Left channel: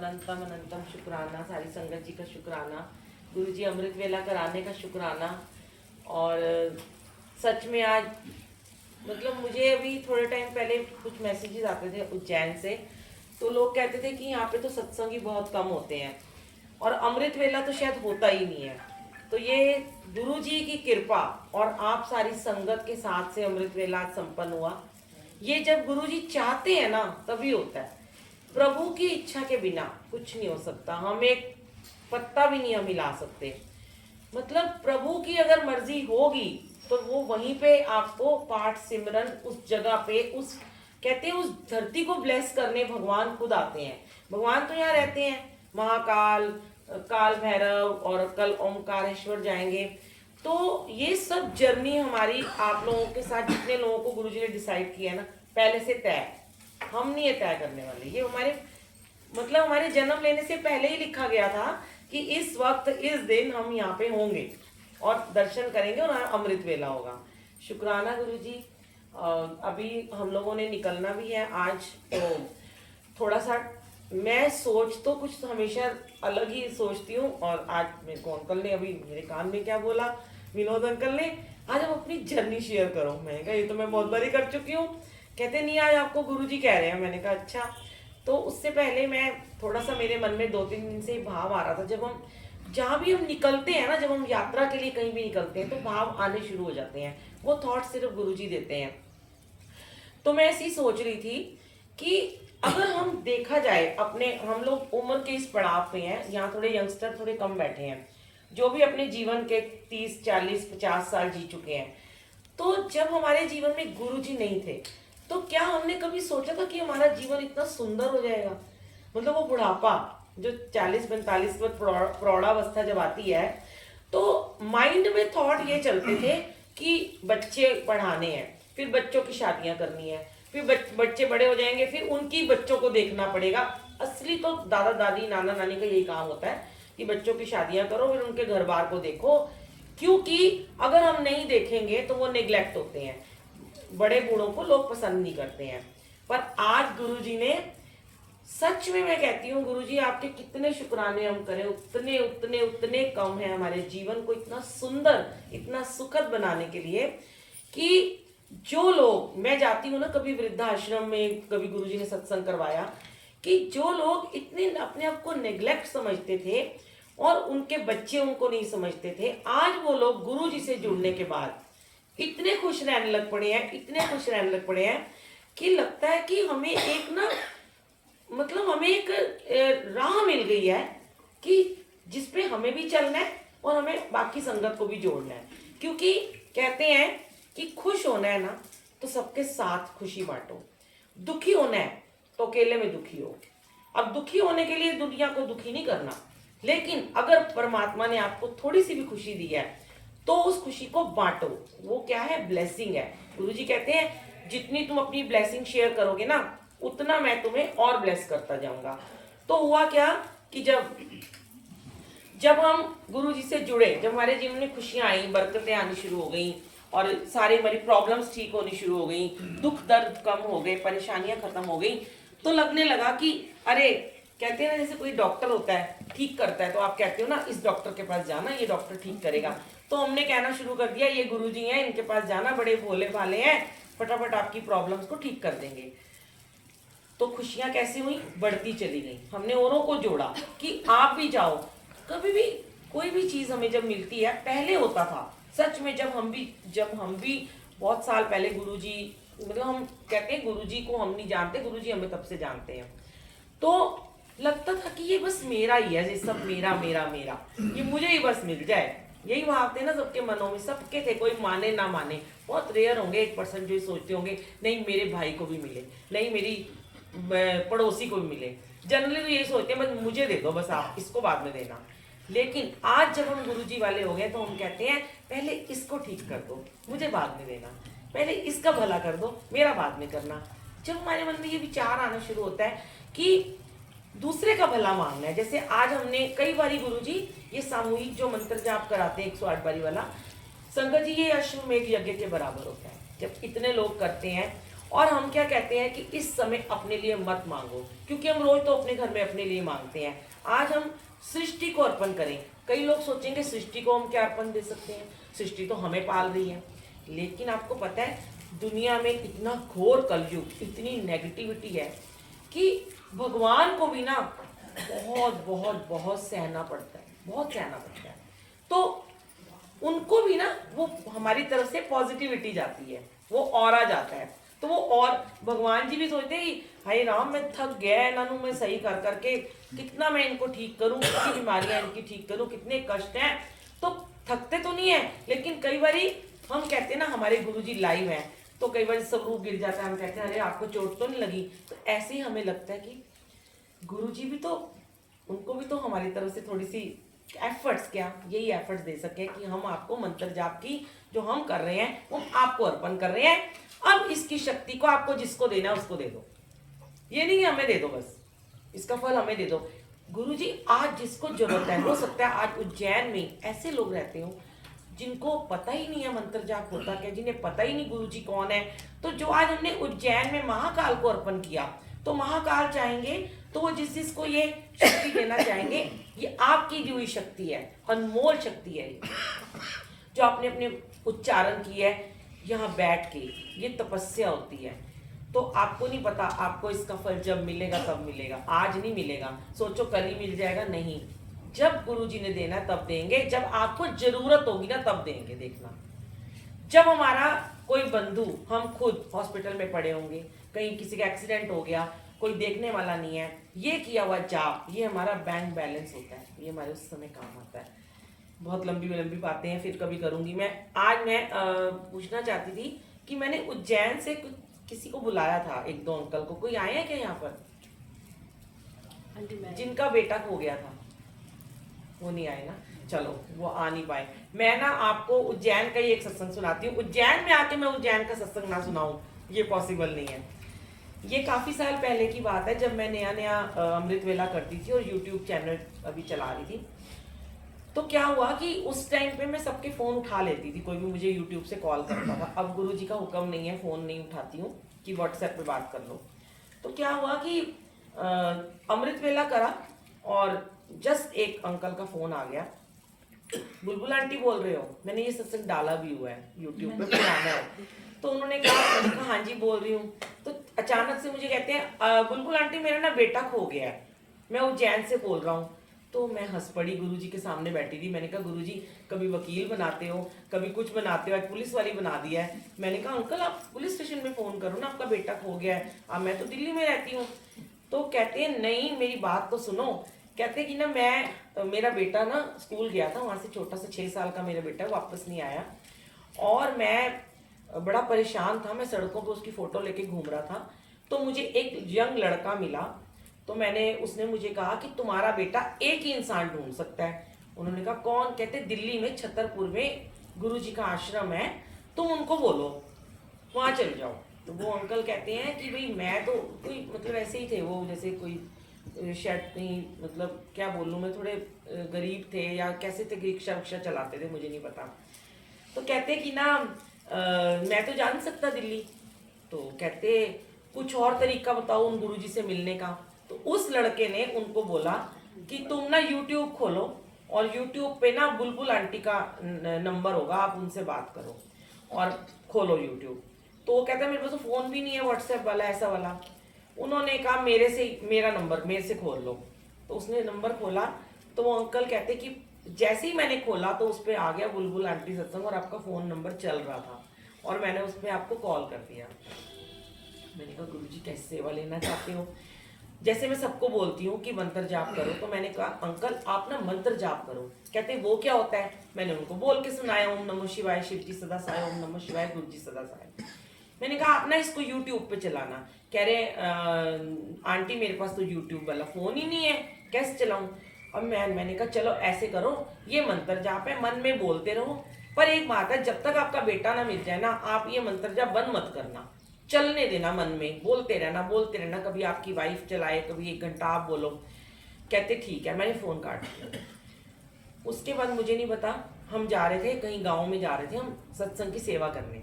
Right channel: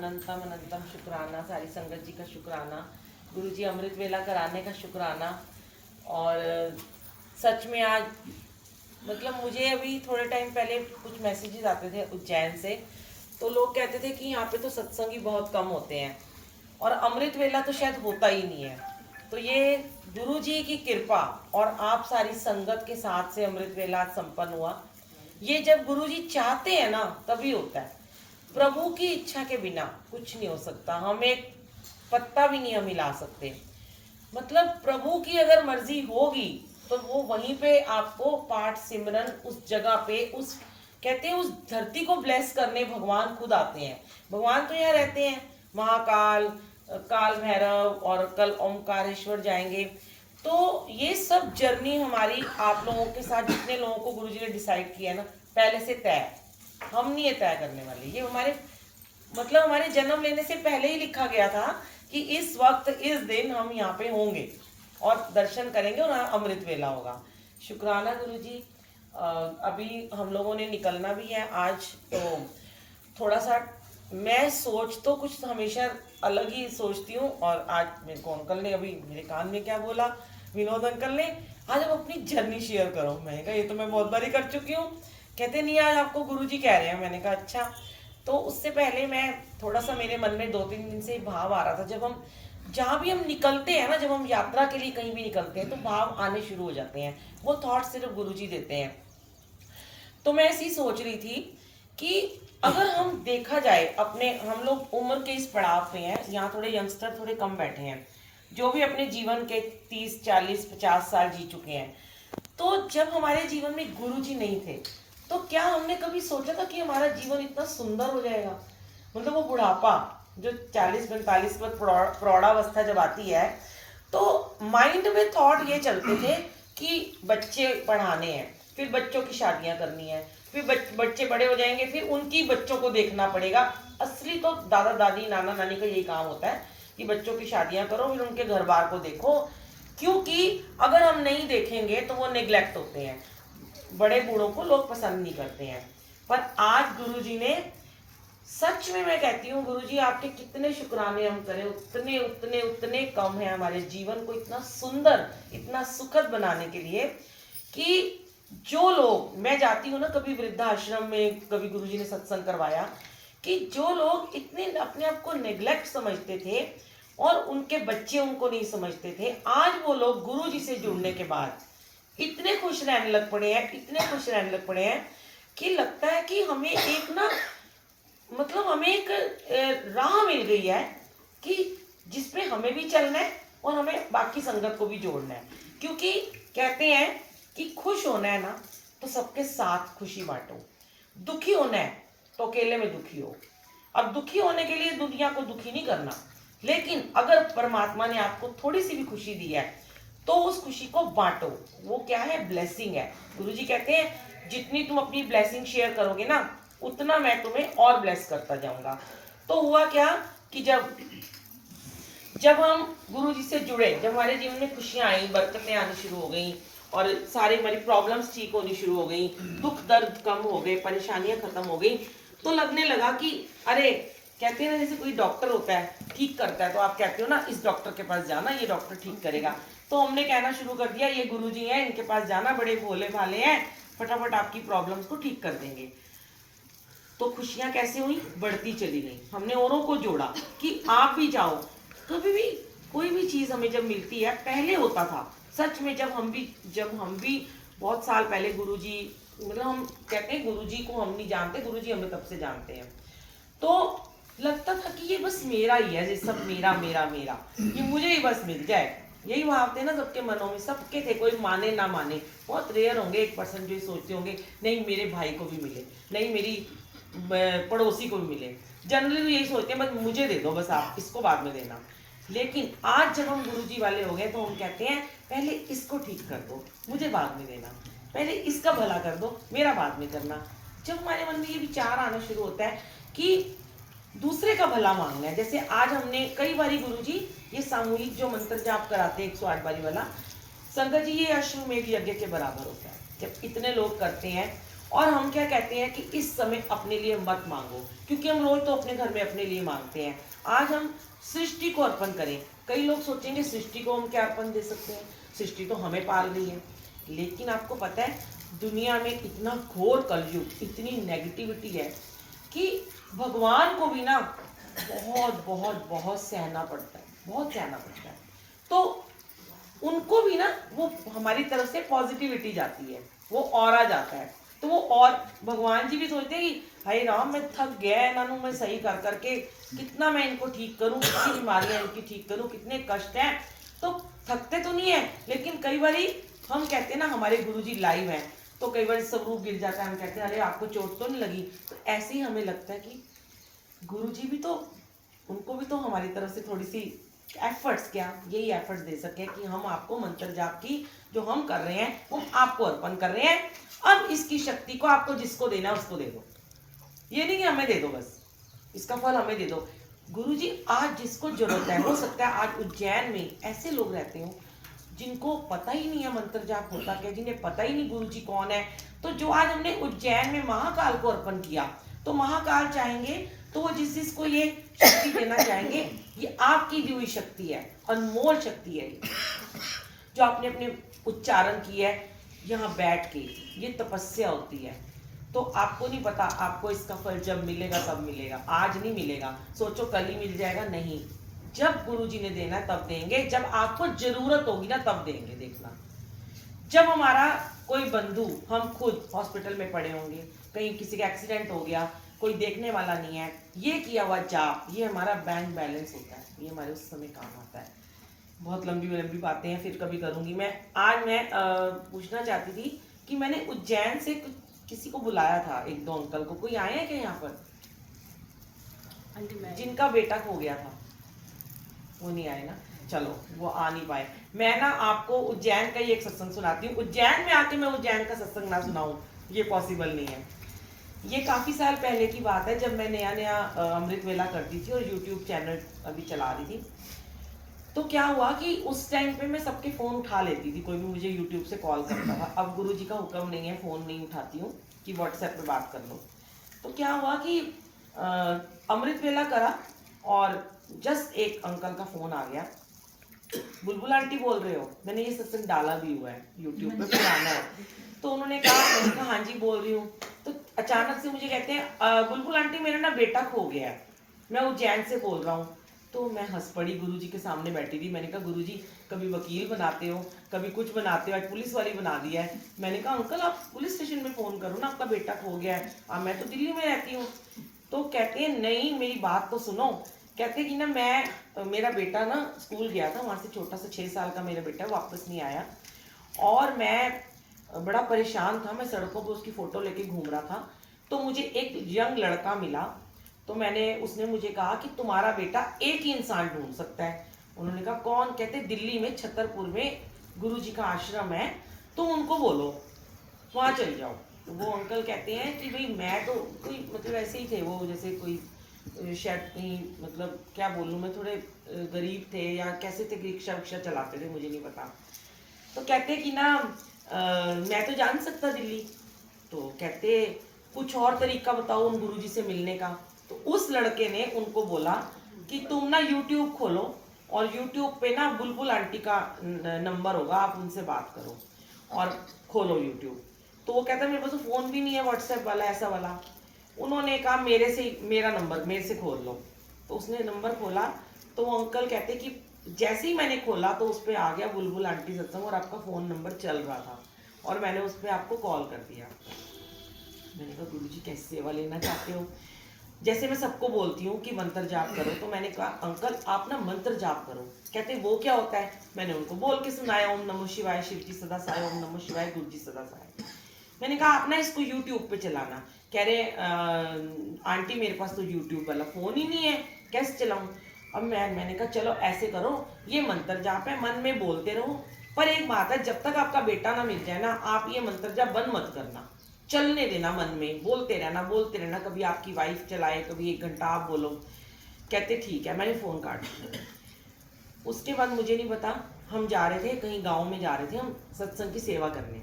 अनंतम अनंतम शुक्राना, सारी संगत जी का शुक्राना, गुरु जी अमृत वेला कराने का शुक्राना। और सच में आज मतलब मुझे अभी थोड़े टाइम पहले कुछ मैसेजेस आते थे उज्जैन से, तो लोग कहते थे कि यहाँ पे तो सत्संग ही बहुत कम होते हैं और अमृत वेला तो शायद होता ही नहीं है। तो ये गुरु जी की कृपा और आप सारी संगत के साथ से अमृत वेला संपन्न हुआ। ये जब गुरु जी चाहते हैं ना तभी होता है। प्रभु की इच्छा के बिना कुछ नहीं हो सकता। हम एक पत्ता भी नहीं हम हिला सकते। मतलब प्रभु की अगर मर्जी होगी तो वो वहीं पे आपको पाठ सिमरन उस जगह पे उस कहते हैं उस धरती को ब्लेस करने भगवान खुद आते हैं। भगवान तो यहाँ रहते हैं, महाकाल, काल भैरव और कल ओमकारेश्वर जाएंगे। तो ये सब जर्नी हमारी आप लोगों के साथ जितने लोगों को गुरुजी ने डिसाइड किया है ना, पहले से तय। हम नहीं ये तय करने वाले, ये हमारे मतलब हमारे जन्म लेने से पहले ही लिखा गया था कि इस वक्त इस दिन हम यहाँ पे होंगे और दर्शन करेंगे और अमृत वेला होगा। शुक्राना गुरुजी। अभी हम लोगों ने निकलना भी है आज, तो थोड़ा सा मैं सोच तो कुछ हमेशा अलग ही सोचती हूँ। और आज मेरे को अंकल ने अभी मेरे कान में क्या बोला, विनोद अंकल ने, आज हम अपनी जर्नी शेयर करो। मैंने कहा ये तो मैं बहुत बारी कर चुकी हूँ। कहते नहीं आज आपको गुरुजी कह रहे हैं। मैंने कहा अच्छा। तो उससे पहले मैं थोड़ा सा मेरे मन में 2-3 दिन से भाव आ रहा था, जब हम जहाँ भी हम निकलते हैं ना, जब हम यात्रा के लिए कहीं भी निकलते हैं तो भाव आने शुरू हो जाते हैं। वो थॉट सिर्फ गुरुजी देते हैं। तो मैं ऐसी सोच रही थी कि अगर हम देखा जाए अपने, हम लोग उम्र के इस पड़ाव पे हैं, यहाँ थोड़े यंगस्टर थोड़े कम बैठे हैं जो भी अपने जीवन के 30 40 50 साल जी चुके हैं। तो जब हमारे जीवन में गुरुजी नहीं थे तो क्या हमने कभी सोचा था कि हमारा जीवन इतना सुंदर हो जाएगा। मतलब वो बुढ़ापा जो 40-45 के बाद प्रौढ़ावस्था जब आती है तो माइंड में थॉट ये चलते थे कि बच्चे पढ़ाने हैं, फिर बच्चों की शादियां करनी है, फिर बच्चे बड़े हो जाएंगे, फिर उनकी बच्चों को देखना पड़ेगा। असली तो दादा दादी नाना नानी का यही काम होता है कि बच्चों की शादियां करो, फिर उनके घर बार को देखो। क्योंकि अगर हम नहीं देखेंगे तो वो नेग्लेक्ट होते हैं, बड़े बूढ़ों को लोग पसंद नहीं करते हैं। पर आज गुरुजी ने, सच में मैं कहती हूँ गुरुजी आपके कितने शुक्राने हम करें उतने उतने उतने कम है हमारे जीवन को इतना सुंदर इतना सुखद बनाने के लिए। कि जो लोग, मैं जाती हूँ ना कभी वृद्धाश्रम में, कभी गुरुजी ने सत्संग करवाया, कि जो लोग इतने अपने आप को नेग्लेक्ट समझते थे और उनके बच्चे उनको नहीं समझते थे, आज वो लोग गुरुजी से जुड़ने के बाद इतने खुश रहने लग पड़े हैं, इतने खुश रहने लग पड़े हैं कि लगता है कि हमें एक ना, मतलब हमें एक राह मिल गई है कि जिसपे हमें भी चलना है और हमें बाकी संगत को भी जोड़ना है। क्योंकि कहते हैं कि खुश होना है ना तो सबके साथ खुशी बांटो, दुखी होना है तो अकेले में दुखी हो। अब दुखी होने के लिए दुनिया को दुखी नहीं करना, लेकिन अगर परमात्मा ने आपको थोड़ी सी भी खुशी दी है तो उस खुशी को बांटो। वो क्या है, ब्लेसिंग है। गुरुजी कहते हैं जितनी तुम अपनी ब्लेसिंग शेयर करोगे ना उतना मैं तुम्हें और ब्लेस करता जाऊंगा। तो हुआ क्या कि जब हम गुरुजी से जुड़े, जब हमारे जीवन में खुशियां आई, बरकतें आनी शुरू हो गई और सारी हमारी प्रॉब्लम्स ठीक होनी शुरू हो गई, दुख दर्द कम हो गए, परेशानियां खत्म हो गई, तो लगने लगा कि अरे, कहते हैं जैसे कोई डॉक्टर होता है ठीक करता है तो आप कहते हो ना इस डॉक्टर के पास जाना, ये डॉक्टर ठीक करेगा। तो हमने कहना शुरू कर दिया ये गुरुजी हैं, इनके पास जाना, बड़े भोले भाले हैं, फटाफट आपकी प्रॉब्लम्स को ठीक कर देंगे। तो खुशियां कैसे हुई, बढ़ती चली गई। हमने औरों को जोड़ा कि आप भी जाओ। कभी भी कोई भी चीज़ हमें जब मिलती है, पहले होता था सच में, जब हम भी बहुत साल पहले गुरुजी, मतलब हम कहते हैं गुरुजी को हम नहीं जानते, गुरुजी हमें तब से जानते हैं। तो लगता था कि ये बस मेरा ही है, ये सब मेरा मेरा मेरा, ये मुझे ही बस मिल जाए। यही भाव थे ना सबके मनों में, सबके थे, कोई माने ना माने। बहुत रेयर होंगे 1% जो सोचते होंगे नहीं मेरे भाई को भी मिले, नहीं मेरी पड़ोसी को भी मिले। जनरली तो यही सोचते हैं बस मुझे दे दो, बस आप इसको बाद में देना। लेकिन आज जब हम गुरुजी वाले हो गए तो हम कहते हैं पहले इसको ठीक कर दो, मुझे बाद में देना, पहले इसका भला कर दो, मेरा बाद में करना। जब हमारे मन में ये विचार आना शुरू होता है कि दूसरे का भला मांगना है, जैसे आज हमने कई बारी गुरुजी ये सामूहिक जो मंत्र जाप कराते हैं 108 बारी वाला, संगत जी ये अश्वमेघ यज्ञ के बराबर होता है। जब इतने लोग करते हैं और हम क्या कहते हैं कि इस समय अपने लिए मत मांगो, क्योंकि हम रोज तो अपने घर में अपने लिए मांगते हैं। आज हम सृष्टि को अर्पण करें। कई लोग सोचेंगे सृष्टि को हम क्या अर्पण दे सकते हैं, सृष्टि तो हमें पाल रही है। लेकिन आपको पता है दुनिया में इतना घोर कलयुग, इतनी नेगेटिविटी है कि भगवान को भी ना बहुत बहुत बहुत सहना पड़ता है, बहुत सहना पड़ता है। तो उनको भी ना वो हमारी तरफ से पॉजिटिविटी जाती है, वो ऑरा जाता है। तो वो, और भगवान जी भी सोचते हैं कि हाय राम मैं थक गया है इन्हों मैं सही कर करके, कितना मैं इनको ठीक करूं, कितनी बीमारियां इनकी ठीक करूं, कितने कष्ट हैं। तो थकते तो नहीं है, लेकिन कई बार हम कहते हैं ना हमारे गुरुजी लाइव हैं तो कई बार स्वरूप गिर जाता है, हम कहते हैं अरे आपको चोट तो नहीं लगी। तो ऐसे ही हमें लगता है कि गुरुजी भी तो, उनको भी तो हमारी तरफ से थोड़ी सी एफर्ट्स, क्या यही एफर्ट्स दे सके कि हम आपको मंत्र जाप की जो हम कर रहे हैं वो आपको अर्पण कर रहे हैं। अब इसकी शक्ति को आपको जिसको देना है उसको दे दो, ये नहीं कि हमें दे दो बस, इसका फल हमें दे दो। गुरुजी आज जिसको जरूरत है, हो सकता है आज उज्जैन में ऐसे लोग रहते हो जिनको पता ही नहीं है मंत्र जाप होता क्या, जिन्हें पता ही नहीं गुरुजी कौन है। तो जो आज हमने उज्जैन में महाकाल को अर्पण किया, तो महाकाल चाहेंगे तो वो जिस जिसको ये शक्ति देना चाहेंगे, ये आपकी दी हुई शक्ति है, अनमोल शक्ति है ये, जो आपने अपने उच्चारण की है यहाँ बैठ के, ये तपस्या होती है। तो आपको नहीं पता आपको इसका फल जब मिलेगा तब मिलेगा, आज नहीं मिलेगा। सोचो कल ही मिल जाएगा, नहीं, जब गुरुजी ने देना है तब देंगे, जब आपको जरूरत होगी ना तब देंगे। देखना, जब हमारा कोई बंधु, हम खुद हॉस्पिटल में पड़े होंगे, कहीं किसी का एक्सीडेंट हो गया, कोई देखने वाला नहीं है, ये किया हुआ जाप ये हमारा बैंक बैलेंस होता है, ये हमारे उस समय काम होता है। बहुत लंबी लंबी बातें हैं, फिर कभी करूंगी मैं। आज मैं पूछना चाहती थी कि मैंने उज्जैन से किसी को बुलाया था, एक दो अंकल को, कोई आए हैं क्या यहाँ पर जिनका बेटा खो गया था? वो नहीं आए ना, चलो वो आ नहीं पाए। मैं ना आपको उज्जैन का ही एक सत्संग सुनाती हूँ। उज्जैन में आके मैं उज्जैन का सत्संग ना सुनाऊं ये पॉसिबल नहीं है। ये काफ़ी साल पहले की बात है, जब मैं नया नया अमृत वेला करती थी और यूट्यूब चैनल अभी चला रही थी। तो क्या हुआ कि उस टाइम पे मैं सबके फ़ोन उठा लेती थी, कोई भी मुझे यूट्यूब से कॉल करता था। अब गुरुजी का हुक्म नहीं है, फ़ोन नहीं उठाती हूँ कि व्हाट्सएप पे बात कर लो। तो क्या हुआ कि अमृत वेला करा और जस्ट एक अंकल का फ़ोन आ गया, बुलबुल आंटी बोल रहे हो? मैंने ये सत्संग डाला भी हुआ है यूट्यूब पे, पुराना है। तो उन्होंने कहा, मैंने कहा हाँ जी बोल रही हूँ। तो अचानक से मुझे कहते हैं बुलबुल आंटी मेरा ना बेटा खो गया है, मैं उज्जैन से बोल रहा हूँ। तो मैं हंस पड़ी, गुरुजी के सामने बैठी थी। मैंने कहा गुरुजी कभी वकील बनाते हो, कभी कुछ बनाते हो, आज पुलिस वाली बना दिया है। मैंने कहा अंकल आप पुलिस स्टेशन में फ़ोन करो ना, आपका बेटा खो गया है। मैं तो दिल्ली में रहती हूँ। तो कहते हैं नहीं मेरी बात तो सुनो। कहते कि ना मेरा बेटा ना स्कूल गया था, वहाँ से छोटा सा 6 साल का मेरा बेटा वापस नहीं आया, और मैं बड़ा परेशान था। मैं सड़कों पर उसकी फ़ोटो लेके घूम रहा था, तो मुझे एक यंग लड़का मिला। तो उसने मुझे कहा कि तुम्हारा बेटा एक ही इंसान ढूंढ सकता है। उन्होंने कहा कौन? कहते दिल्ली में छतरपुर में गुरुजी का आश्रम है, तुम उनको बोलो वहाँ चले जाओ। तो वो अंकल कहते हैं कि भाई मैं तो कोई मतलब ऐसे ही थे वो, जैसे कोई शायद नहीं, मतलब क्या बोलूँ मैं, थोड़े गरीब थे या कैसे थे, रिक्शा वक्शा चलाते थे, मुझे नहीं पता। तो कहते कि ना मैं तो जान सकता दिल्ली। तो कहते कुछ और तरीका बताओ उन गुरुजी से मिलने का। तो उस लड़के ने उनको बोला कि तुम ना यूट्यूब खोलो और यूट्यूब पे ना बुलबुल आंटी का नंबर होगा, आप उनसे बात करो और खोलो यूट्यूब। तो वो कहता है मेरे पास तो फ़ोन भी नहीं है व्हाट्सएप वाला ऐसा वाला। उन्होंने कहा मेरे से मेरा नंबर मेरे से खोल लो। तो उसने नंबर खोला, तो वो अंकल कहते कि जैसे ही मैंने खोला तो उस पर आ गया बुलबुल आंटी सत्संग और आपका फ़ोन नंबर चल रहा था, और मैंने उस पर आपको कॉल कर दिया। मैंने कहा गुरुजी कैसे सेवा लेना चाहते हो? जैसे मैं सबको बोलती हूँ कि मंत्र जाप करो, तो मैंने कहा अंकल आप ना मंत्र जाप करो। कहते वो क्या होता है? मैंने उनको बोल के सुनाया, ओम नमः शिवाय शिव जी सदा साय, ओम नमः शिवाय गुरु जी सदा साय। मैंने कहा आप ना इसको यूट्यूब पे चलाना। कह रहे आंटी मेरे पास तो यूट्यूब वाला फ़ोन ही नहीं है, कैसे चलाऊँ? अब मैंने कहा चलो ऐसे करो, ये मंत्र जाप है, मन में बोलते रहो, पर एक बात है, जब तक आपका बेटा ना मिल जाए ना, आप ये मंत्र जाप बंद मत करना, चलने देना, मन में बोलते रहना। कभी आपकी वाइफ चलाए, कभी 1 घंटा आप बोलो। कहते ठीक है, मैंने फ़ोन काट दिया। उसके बाद मुझे नहीं पता, हम जा रहे थे कहीं गांव में, जा रहे थे हम सत्संग की सेवा करने।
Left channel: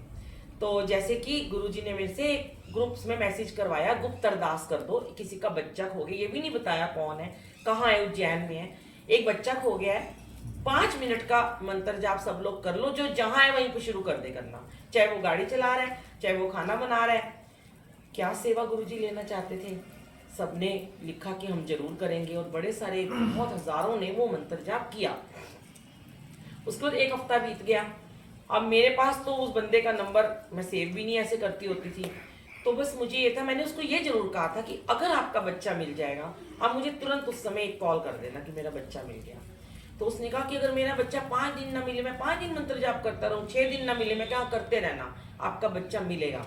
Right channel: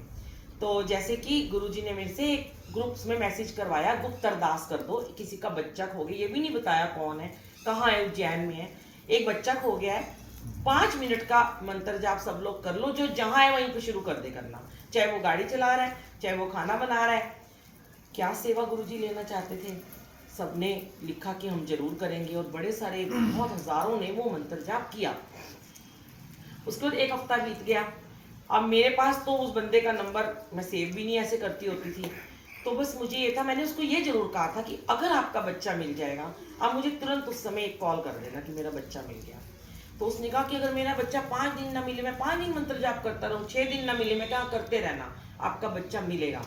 तो जैसे कि गुरुजी ने मेरे से ग्रुप्स में मैसेज करवाया, गुप्त अरदास कर दो, किसी का बच्चा खो गया, ये भी नहीं बताया कौन है, कहाँ है, उज्जैन में है, एक बच्चा खो गया है, 5 मिनट का मंत्र जाप सब लोग कर लो, जो जहाँ है वहीं पे शुरू कर दे करना, चाहे वो गाड़ी चला रहा है, चाहे वो खाना बना रहा है। क्या सेवा गुरुजी लेना चाहते थे, सबने लिखा कि हम जरूर करेंगे, और बड़े सारे बहुत हजारों ने वो मंत्र जाप किया। उसके बाद 1 हफ्ता बीत गया। अब मेरे पास तो उस बंदे का नंबर मैं सेव भी नहीं ऐसे करती होती थी, तो बस मुझे ये था, मैंने उसको ये जरूर कहा था कि अगर आपका बच्चा मिल जाएगा आप मुझे तुरंत उस समय एक कॉल कर देना कि मेरा बच्चा मिल गया। तो उसने कहा कि अगर मेरा बच्चा 5 दिन ना मिले, मैं 5 दिन मंत्र जाप करता रहूँ, 6 दिन ना मिले, मैं क्या करते रहना, आपका बच्चा मिलेगा।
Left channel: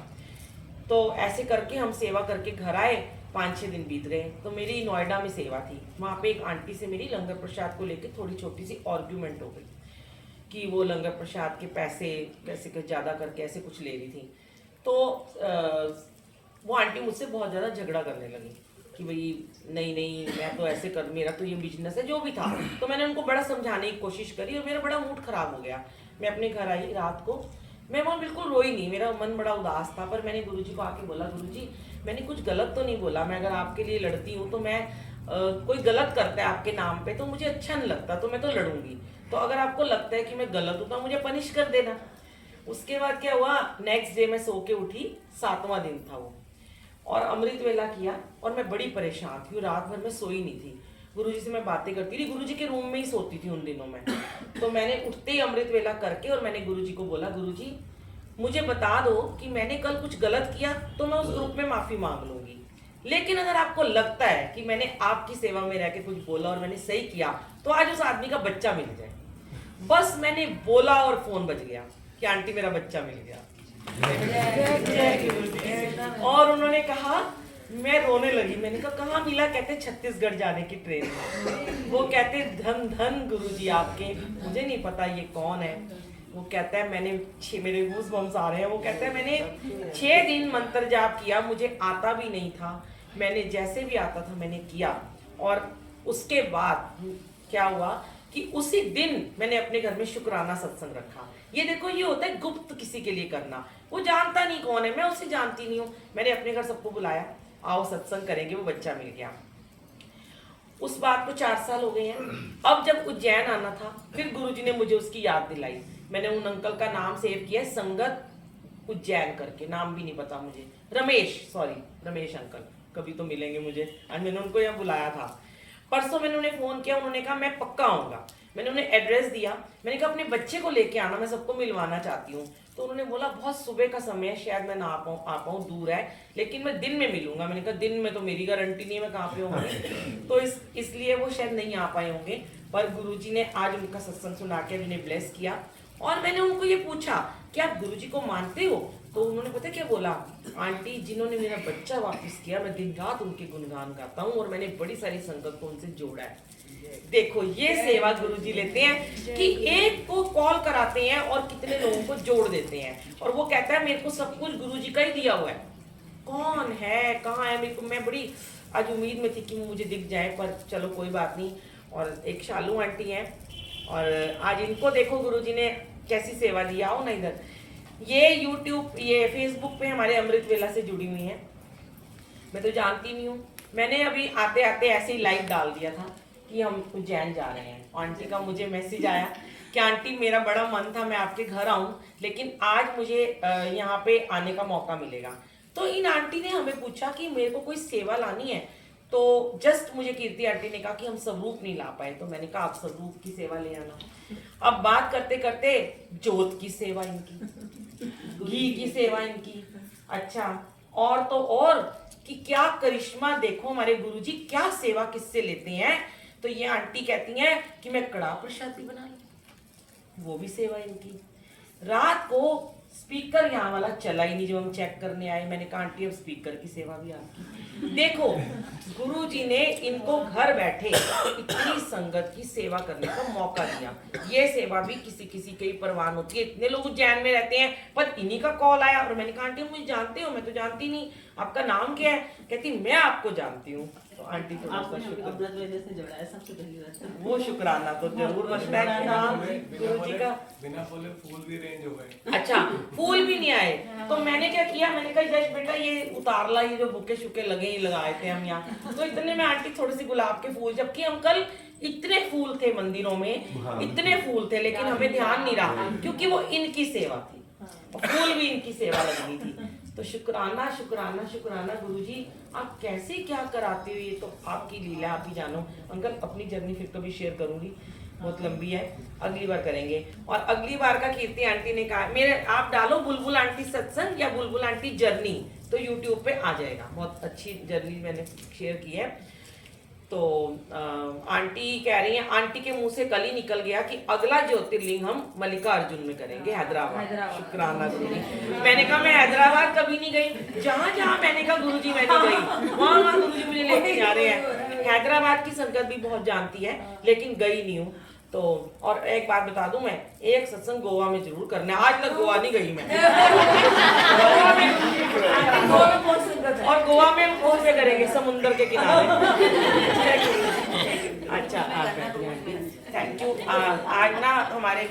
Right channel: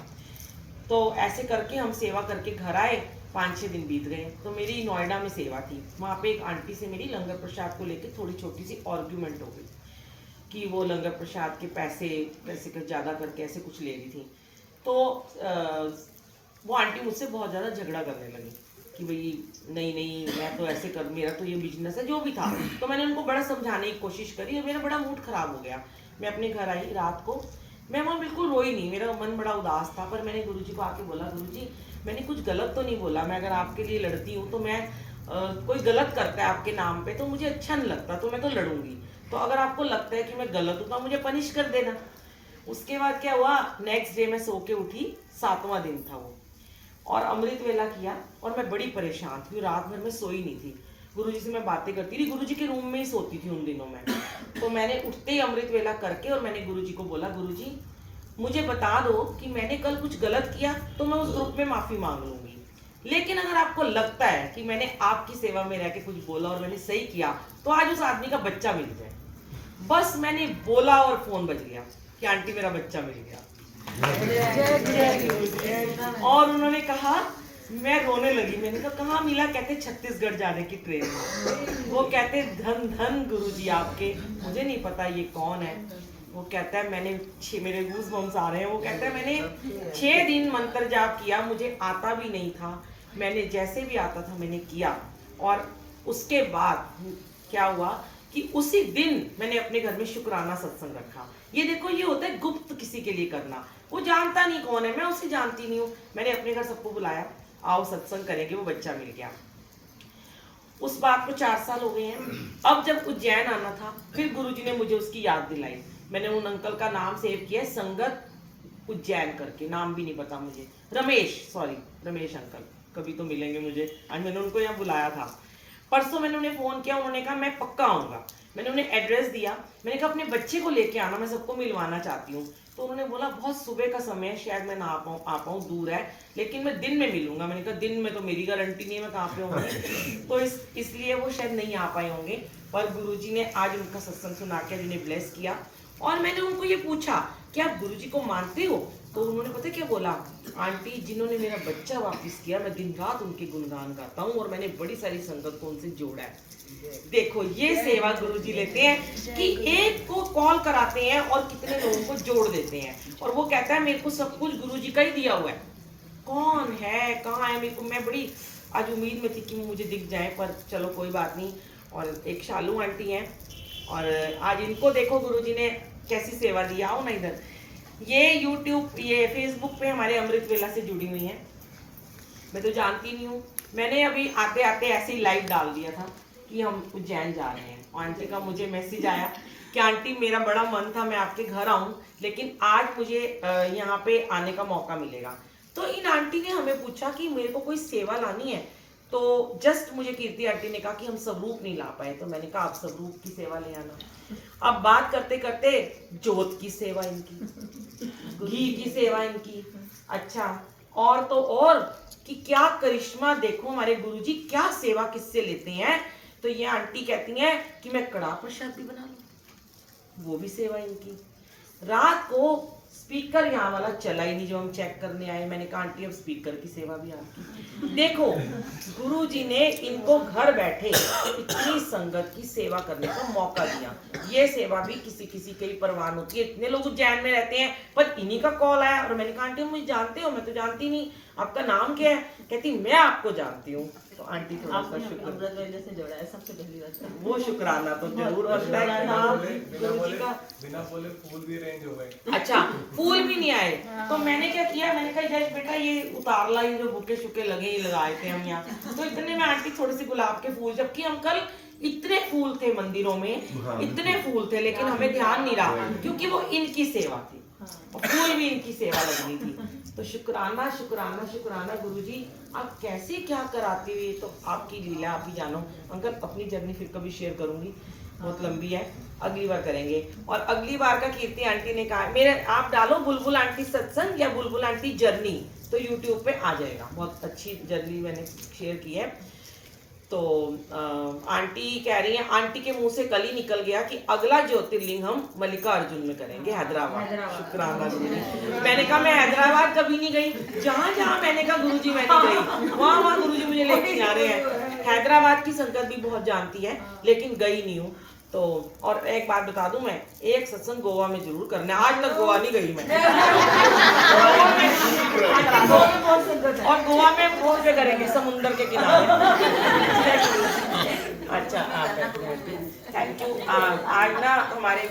तो ऐसे करके हम सेवा करके घर आए, 5-6 दिन बीत गए। तो मेरी नोएडा में सेवा थी, वहाँ पे एक आंटी से मेरी लंगर प्रसाद को लेकर थोड़ी छोटी सी आर्ग्यूमेंट हो गई कि वो लंगर प्रसाद के पैसे कैसे ज़्यादा करके ऐसे कुछ ले रही थी। तो वो आंटी मुझसे बहुत ज़्यादा झगड़ा करने लगी कि भाई नहीं मैं तो ऐसे कर, मेरा तो ये बिजनेस है, जो भी था। तो मैंने उनको बड़ा समझाने की कोशिश करी और मेरा बड़ा मूड ख़राब हो गया। मैं अपने घर आई रात को, मैं वो बिल्कुल रोई नहीं, मेरा मन बड़ा उदास था, पर मैंने गुरुजी को आके बोला, गुरुजी मैंने कुछ गलत तो नहीं बोला, मैं अगर आपके लिए लड़ती हूँ तो मैं कोई गलत करता है आपके नाम पे तो मुझे अच्छा नहीं लगता, तो मैं तो लड़ूंगी, तो अगर आपको लगता है कि मैं गलत हूँ तो मुझे पनिश कर देना। उसके बाद क्या हुआ, नेक्स्ट डे मैं सो के उठी, 7वां दिन था वो, और अमृत वेला किया, और मैं बड़ी परेशान थी, रात भर में सोई नहीं थी। गुरुजी से मैं बातें करती थी, गुरुजी के रूम में ही सोती थी उन दिनों में। तो मैंने उठते ही अमृत वेला करके और मैंने गुरुजी को बोला, गुरुजी मुझे बता दो कि मैंने कल कुछ गलत किया तो मैं उस ग्रुप में माफी मांग लूंगी, लेकिन अगर आपको लगता है कि मैंने आपकी सेवा में रह के कुछ बोला और मैंने सही किया तो आज उस आदमी का बच्चा मिल जाए। बस मैंने बोला और फोन बज गया कि आंटी मेरा बच्चा मिल गया। और उन्होंने कहा, मैं रोने लगी, मैंने कहा कहाँ मिला, कहते छत्तीसगढ़ जाने की ट्रेन में। वो कहते धन धन गुरुजी आपके, मुझे नहीं पता ये कौन है। वो कहता है मैंने मेरे गूज़बम्स आ रहे हैं, वो कहता है मैंने 6 दिन मंत्र जाप किया, मुझे आता भी नहीं था, मैंने जैसे भी आता था मैंने किया, और उसके बाद क्या हुआ कि उसी दिन मैंने अपने घर में शुक्राना सत्संग रखा। ये देखो, ये होता है गुप्त किसी के लिए करना, वो जानता नहीं कौन है, मैं उसे जानती नहीं हूँ, मैंने अपने घर सबको बुलाया, आओ सत्संग करेंगे, वो बच्चा मिल गया। उस बात को 4 साल हो गए हैं। अब जब उज्जैन आना था, फिर गुरुजी ने मुझे उसकी याद दिलाई। मैंने उन अंकल का नाम सेव किया, संगत उज्जैन करके, नाम भी नहीं पता मुझे, रमेश अंकल, कभी तो मिलेंगे मुझे, आज मैंने उनको यहाँ बुलाया था। परसों मैंने उन्हें फ़ोन किया, उन्होंने कहा मैं पक्का आऊँगा। मैंने उन्हें एड्रेस दिया, मैंने कहा अपने बच्चे को लेके आना, मैं सबको मिलवाना चाहती हूँ। तो उन्होंने बोला बहुत सुबह का समय है, शायद मैं ना आ पाऊँ, दूर है, लेकिन मैं दिन में मिलूंगा। मैंने कहा दिन में तो मेरी गारंटी नहीं है, मैं कहाँ पे होंगे, तो इसलिए वो शायद नहीं आ पाए होंगे। पर गुरुजी ने आज उनका सत्संग सुना के उन्हें ब्लेस किया। और मैंने उनको ये पूछा कि आप गुरुजी को मानते हो, तो उन्होंने पता क्या बोला, आंटी जिन्होंने मेरा बच्चा वापस किया, मैं दिन रात उनके गुणगान गाता हूँ और मैंने बड़ी सारी संगत को उनसे जोड़ा है। देखो ये सेवा गुरुजी लेते हैं कि एक को कॉल कराते हैं और कितने लोगों को जोड़ देते हैं। और वो कहता है मेरे को सब कुछ गुरुजी का ही दिया हुआ है, कौन है कहाँ है मेरे को, मैं बड़ी आज उम्मीद में थी कि मुझे दिख जाए, पर चलो कोई बात नहीं। और एक शालू आंटी हैं, और आज इनको देखो गुरुजी ने कैसी सेवा दी। आओ ना इधर, ये यूट्यूब ये फेसबुक पे हमारे अमृत वेला से जुड़ी हुई हैं, मैं तो जानती नहीं हूँ। मैंने अभी आते आते ऐसे ही लाइव डाल दिया था कि हम उज्जैन जा रहे हैं। आंटी का मुझे मैसेज आया कि आंटी मेरा बड़ा मन था मैं आपके घर आऊँ, लेकिन आज मुझे यहाँ पे आने का मौका मिलेगा। तो इन आंटी ने हमें पूछा कि मेरे को कोई सेवा लानी है, तो जस्ट मुझे कीर्ति आंटी ने कहा कि हम स्वरूप नहीं ला पाए, तो मैंने कहा आप स्वरूप की सेवा ले आना। अब बात करते करते जोत की सेवा इनकी, घी की सेवा इनकी, अच्छा और तो और कि क्या करिश्मा देखो हमारे गुरुजी क्या सेवा किससे लेते हैं। तो ये आंटी कहती हैं कि मैं कड़ाह प्रसाद भी बना लूं, वो भी सेवा इनकी। रात को स्पीकर यहाँ वाला चला ही नहीं जो हम चेक करने आए, मैंने कहा आंटी अब स्पीकर की सेवा भी आपकी। देखो गुरुजी ने इनको घर बैठे इतनी संगत की सेवा करने का मौका दिया। ये सेवा भी किसी किसी के ही परवान होती है, इतने लोग उज्जैन में रहते हैं, पर इन्हीं का कॉल आया और मैंने कहा आंटी मुझे जानते हो, मैं तो जानती नहीं, आपका नाम क्या है, कहती मैं आपको जानती हूँ। तो आंटी थोड़ा सा शुक्र, अमृत वेले से जोड़ा है सबसे पहली बात। वो शुक्राना तो जरूर रखना है कि हाँ गुरुजी का। बिना बोले फूल भी रेंज हो गए। अच्छा, फूल भी नहीं आए तो मैंने क्या किया, मैंने कहा यश बेटा ये उतार ला, ये जो बुके शुके लगे ये लगाए थे हम यहाँ, तो इतने में आंटी थोड़े से गुलाब के फूल, जबकि हम कल इतने फूल थे मंदिरों में, इतने फूल थे, लेकिन हमें ध्यान नहीं रहा क्योंकि वो इनकी सेवा थी और फूल भी इनकी सेवा लगनी थी। तो शुक्राना शुक्राना शुक्राना गुरुजी, आप कैसे क्या कराते हो ये तो आपकी लीला, आप ही जानो। अंकल अपनी जर्नी फिर कभी शेयर करूंगी, बहुत लंबी है, अगली बार करेंगे। और अगली बार का कीर्ति आंटी ने कहा, मेरे आप डालो बुलबुल आंटी सत्संग या बुलबुल आंटी जर्नी, तो यूट्यूब पे आ जाएगा, बहुत अच्छी जर्नी मैंने शेयर की है। तो आंटी कह रही हैं, आंटी के मुंह से कल ही निकल गया कि अगला ज्योतिर्लिंग हम मल्लिकार्जुन में करेंगे, हैदराबाद। शुक्राना गुरुजी। मैंने कहा मैं हैदराबाद कभी नहीं गई, जहाँ जहाँ मैंने कहा गुरुजी मैं नहीं गई, वहाँ वहाँ गुरुजी मुझे लेके जा रहे हैं। हैदराबाद की संगत भी बहुत जानती है लेकिन गई नहीं हूँ। तो और एक बात बता दूं, मैं एक सत्संग गोवा में जरूर करना है, आज तक गोवा नहीं गई मैं। और गोवा में कौन से करेंगे, समुंदर के किनारे। अच्छा, थैंक यू। आज ना हमारे